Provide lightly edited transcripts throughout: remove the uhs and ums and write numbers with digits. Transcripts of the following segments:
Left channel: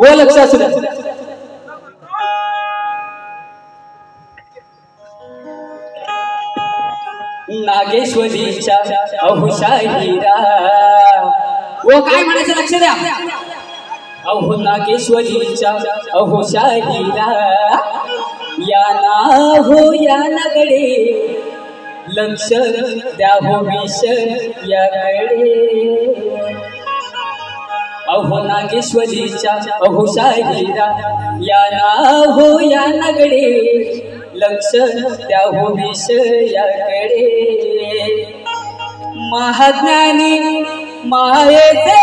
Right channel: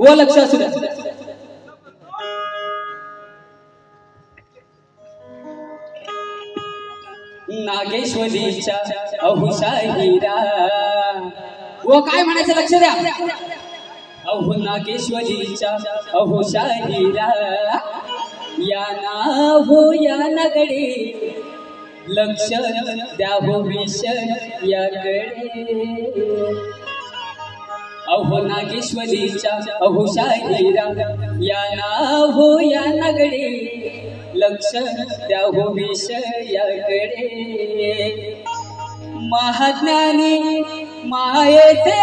व लक्ष असू द्या. नागेश्वरीच्या अहुषा हिरा. व काय म्हणायचं लक्ष द्या. अहो नागेश्वरीच्या अहुषा हिरा या ना हो या नगडे लक्ष द्या हो विष याकडे. अहो नागेश्वरीच्या अहुषा हिरा या ना हो या नगडे लक्ष द्या हो विष याकडे. महाज्ञानी मायेचे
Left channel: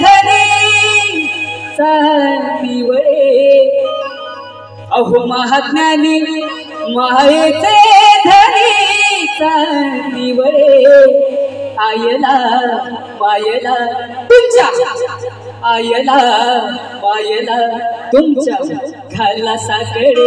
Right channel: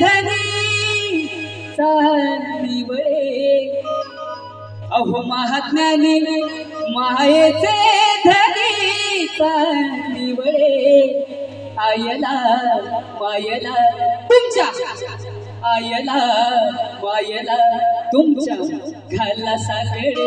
धनी सांतिवडे. अहो महाज्ञानी मायेचे धनी सांतिवडे. आयला मायला तुमच्या आयला मायला तुमच्या घाला साकडे.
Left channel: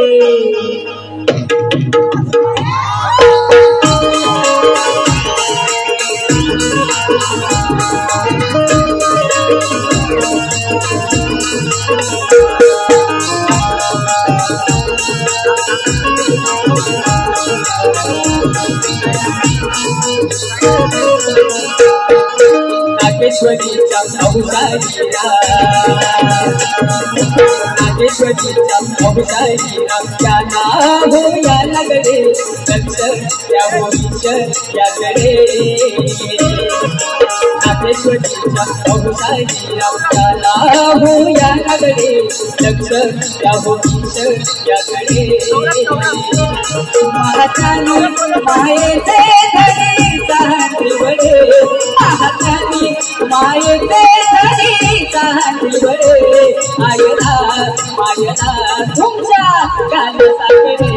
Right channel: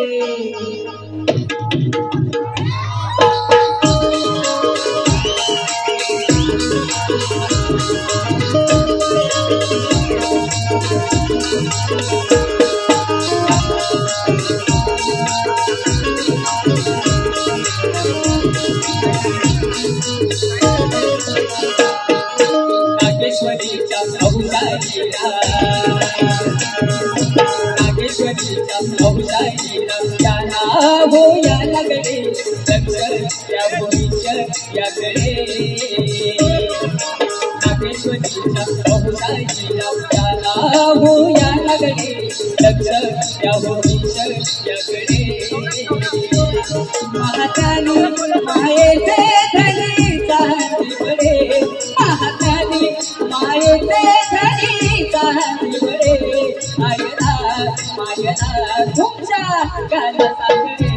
नागेश्वरीच्या अहुषा हिरा. नागेश्वरीच्या अहुषा हिरा या ना हो या नगडे लक्ष द्या हो विष याकडे. नागेश्वरीच्या अहुषा हिरा या ना हो या नगडे लक्ष द्या हो विष याकडे. महाज्ञानी मायेचे धनी सांतिवडे. महाज्ञानी मायेचे धनी सांतिवडे. आयला मायला तुमच्या घाला साकडे.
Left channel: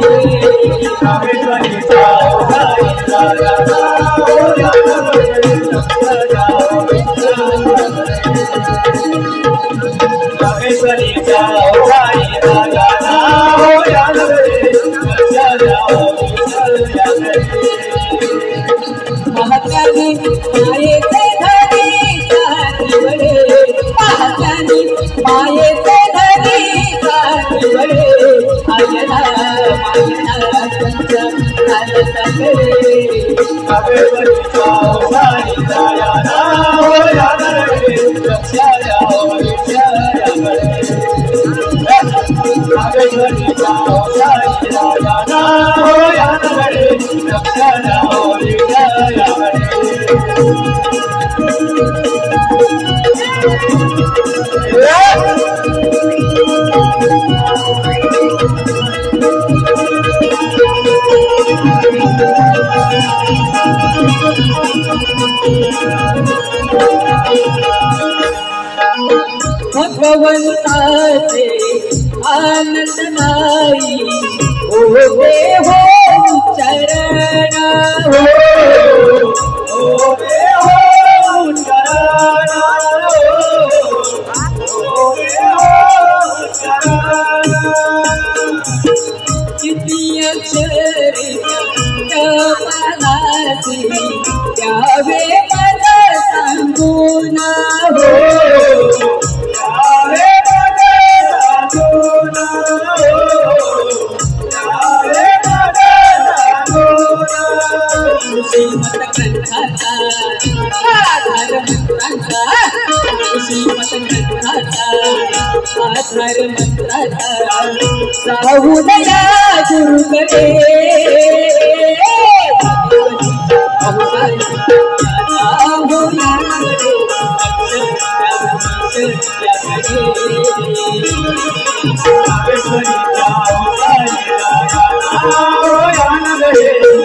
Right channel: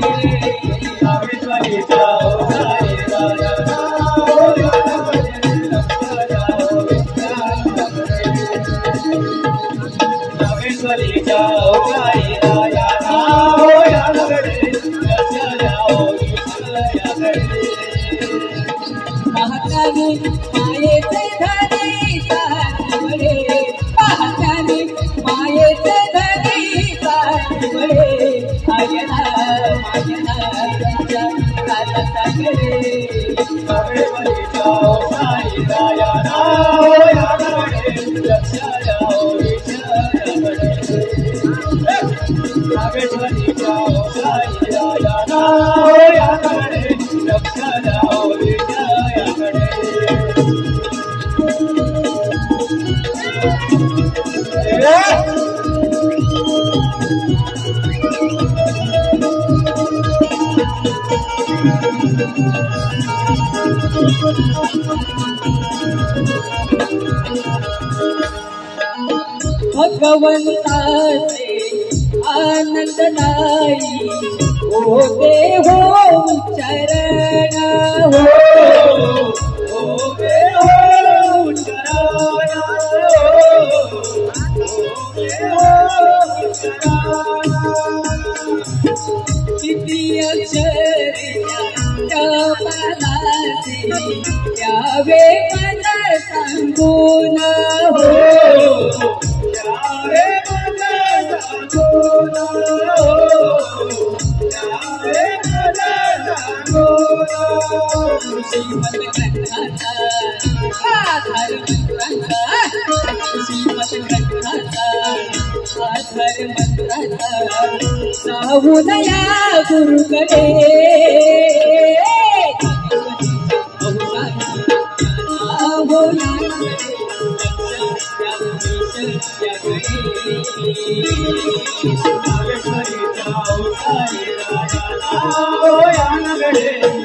नागेश्वरीच्या अहुषा हिरा नागेश्वरीच्या अहुषा हिरा या ना हो या नगडे लक्ष द्या हो विष याकडे. महाज्ञानी मायेचे धनी सांतिवडे. महाज्ञानी मायेचे धनी सांतिवडे. आयला मायला तुमच्या घाला साकडे. नागेश्वरीच्या अहुषा हिरा या ना हो या नगडे लक्ष द्या हो विष याकडे. नागेश्वरीच्या अहुषा हिरा या ना हो या नगडे लक्ष द्या हो विष याकडे. भगवंताचे आनंद नाही होते हो चरण. होते हो चरण. होते हो चरण. किती अक्षरे जपालाचे द्यावे मला सांगून. श्रीमत ग्रंथाचा आधार मंत्राचा. श्रीमत ग्रंथाचा आधार मंत्राचा साहुदया गुरुकडे. अहुषा नागेश्वरीच्या अहुषा हिरा या ना हो या नगडे